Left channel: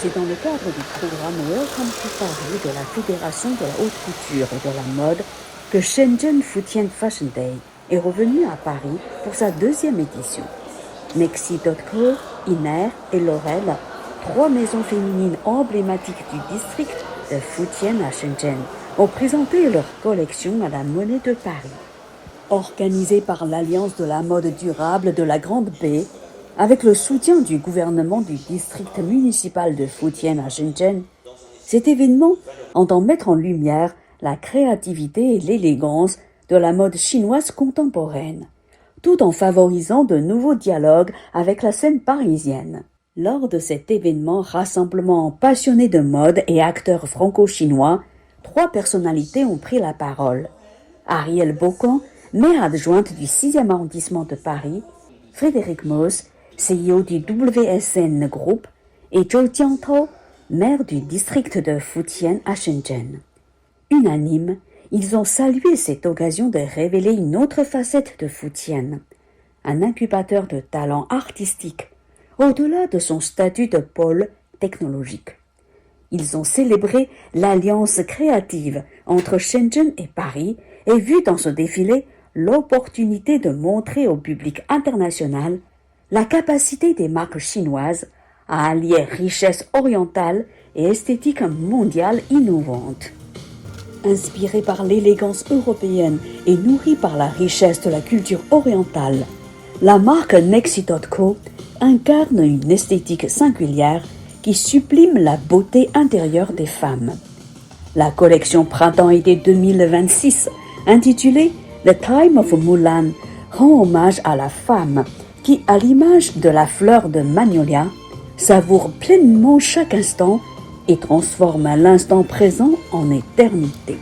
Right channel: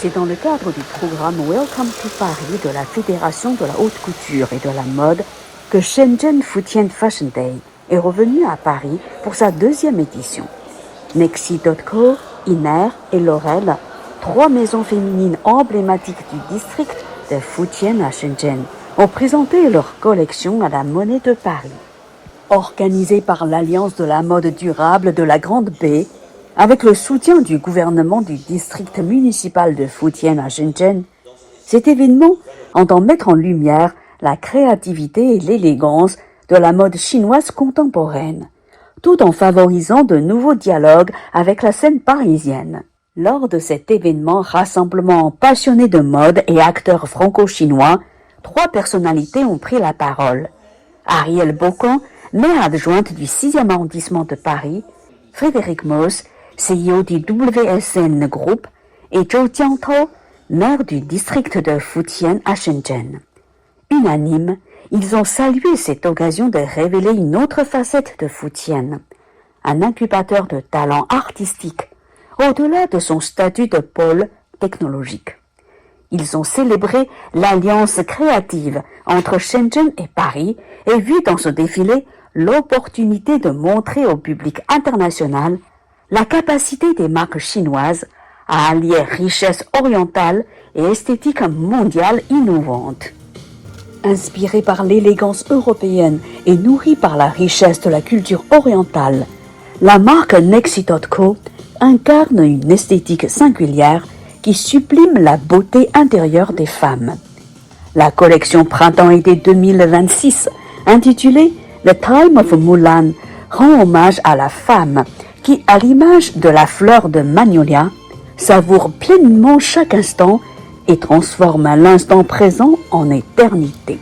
C'est dans le cadre du programme Welcome to Paris de la Fédération de la haute couture et de la mode que Shenzhen Futian Fashion Day est revenu à Paris pour sa deuxième édition. Nexi.co, Iner et Laurel, trois maisons féminines emblématiques du district de Futian à Shenzhen, ont présenté leur collection à la Monnaie de Paris. Organisée par l'Alliance de la mode durable de la Grande Baie, avec le soutien du gouvernement du district municipal de Futian à Shenzhen, cet événement entend mettre en lumière la créativité et l'élégance de la mode chinoise contemporaine, tout en favorisant de nouveaux dialogues avec la scène parisienne. Lors de cet événement rassemblement passionnés de mode et acteurs franco-chinois, trois personnalités ont pris la parole. Ariel Bocan, maire adjointe du 6e arrondissement de Paris, Frédéric Moos, CEO du WSN Group, et Zhou Jiangtao, maire du district de Futian à Shenzhen. Unanimes, ils ont salué cette occasion de révéler une autre facette de Futian, un incubateur de talents artistiques, au-delà de son statut de pôle technologique. Ils ont célébré l'alliance créative entre Shenzhen et Paris et vu dans ce défilé l'opportunité de montrer au public international la capacité des marques chinoises à allier richesse orientale et esthétique mondiale innovante. Inspirée par l'élégance européenne et nourrie par la richesse de la culture orientale, la marque Nexi.co incarne une esthétique singulière qui sublime la beauté intérieure des femmes. La collection Printemps-été 2026, intitulée The Time of Mulan, rend hommage à la femme qui, à l'image de la fleur de magnolia, savoure pleinement chaque instant et transforme l'instant présent en éternité.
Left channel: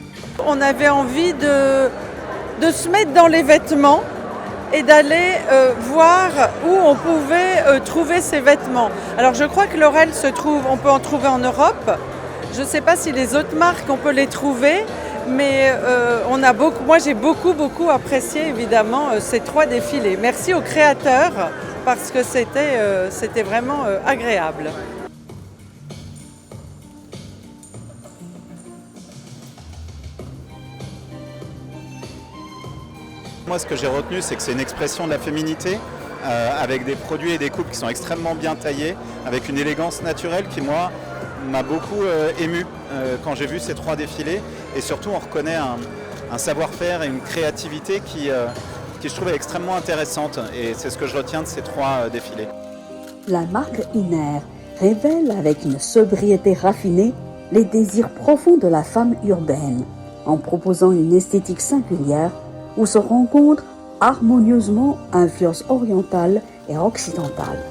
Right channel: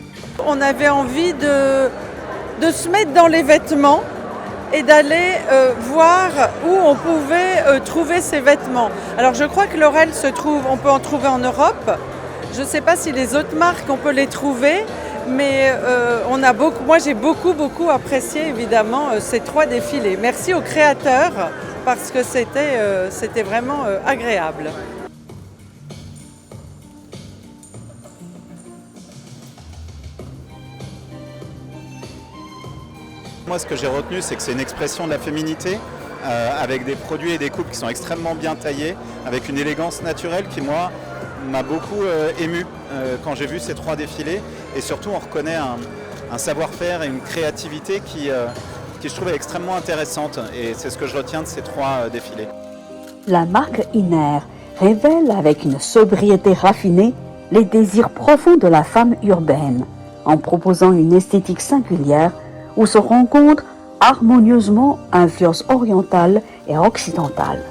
On avait envie de se mettre dans les vêtements et d'aller voir où on pouvait trouver ces vêtements. Alors je crois que Laurel on peut en trouver en Europe. Je ne sais pas si les autres marques, on peut les trouver, mais moi j'ai beaucoup apprécié évidemment ces trois défilés. Merci aux créateurs parce que c'était vraiment agréable. Moi, ce que j'ai retenu, c'est que c'est une expression de la féminité, avec des produits et des coupes qui sont extrêmement bien taillés, avec une élégance naturelle qui, moi, m'a beaucoup ému quand j'ai vu ces trois défilés. Et surtout, on reconnaît un savoir-faire et une créativité qui, je trouve, est extrêmement intéressante. Et c'est ce que je retiens de ces trois défilés. La marque Iner révèle avec une sobriété raffinée les désirs profonds de la femme urbaine, en proposant une esthétique singulière où se rencontrent harmonieusement influences orientales et occidentales.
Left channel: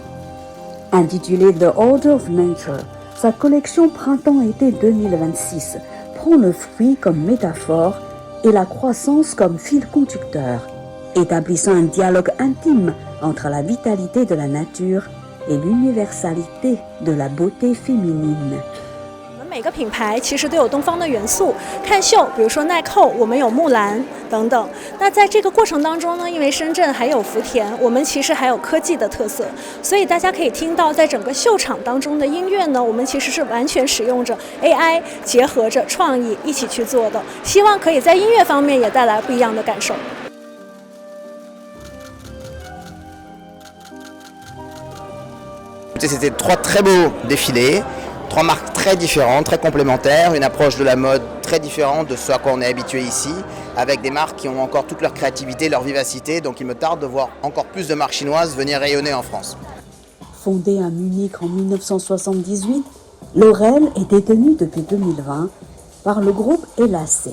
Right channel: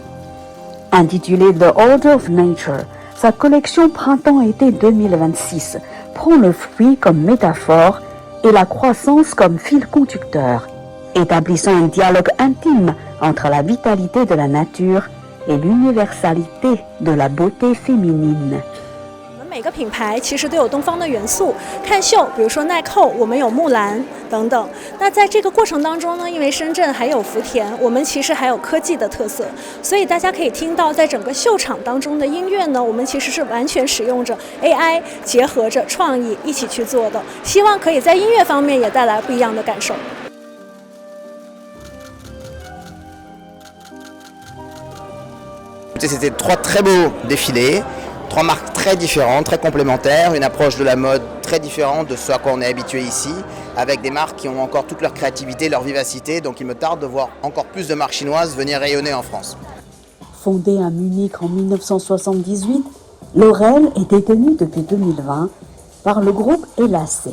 Intitulée The Order of Nature, sa collection Printemps-été 2026 prend le fruit comme métaphore et la croissance comme fil conducteur, établissant un dialogue intime entre la vitalité de la nature et l'universalité de la beauté féminine. 每个品牌其实都有东方的元素，看秀，比如说耐扣，我们有木兰等等。那在这个过程当中呢，因为深圳还有福田，我们其实还有科技的特色，所以大家可以听到，在整个秀场当中的音乐呢，我们其实是完全使用着 AI 结合着创意一起去做的，希望可以在音乐方面也带来不一样的感受。C'était trois très beaux défilés. Trois marques très différentes, très complémentaires, une approche de la mode très différente de ce à quoi on est habitué ici, avec des marques qui ont encore toute leur créativité, leur vivacité, donc il me tarde de voir encore plus de marques chinoises venir rayonner en France. Fondée à Munich en 1978, Laurel est détenue depuis 2020 par le groupe Elassé.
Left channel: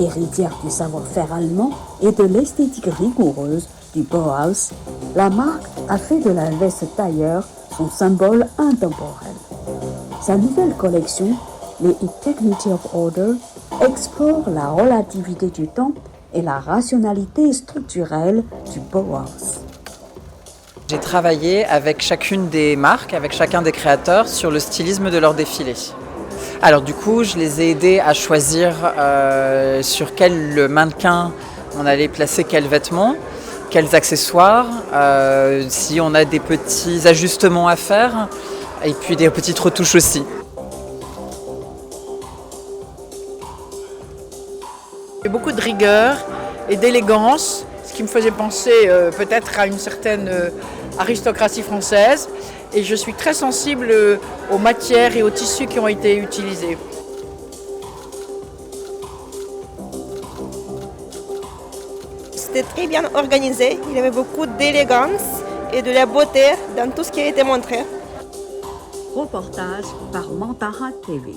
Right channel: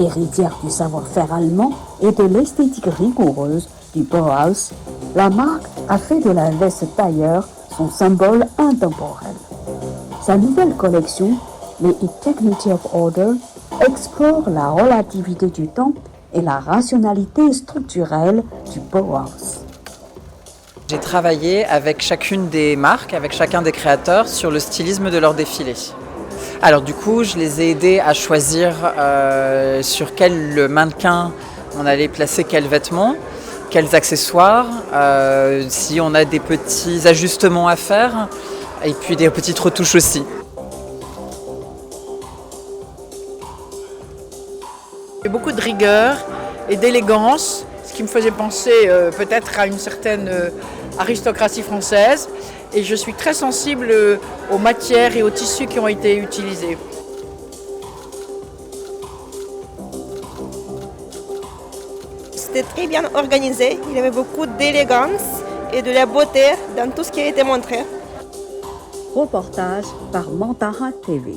Héritière du savoir-faire allemand et de l'esthétique rigoureuse du Bauhaus, la marque a fait de la veste tailleur son symbole intemporel. Sa nouvelle collection, les Technology of Order, explore la relativité du temps et la rationalité structurelle du Bauhaus. J'ai travaillé avec chacune des marques, avec chacun des créateurs sur le stylisme de leur défilé. Alors du coup, je les ai aidés à choisir sur quel mannequin on allait placer quels vêtements, quels accessoires, si on a des petits ajustements à faire. Et puis des petites retouches aussi. Il y a beaucoup de rigueur et d'élégance, ce qui me faisait penser peut-être à une certaine aristocratie française. Et je suis très sensible aux matières et aux tissus qui ont été utilisés. C'était très bien organisé, il y avait beaucoup d'élégance et de la beauté dans tout ce qui a été montré. Reportage par Mantara TV.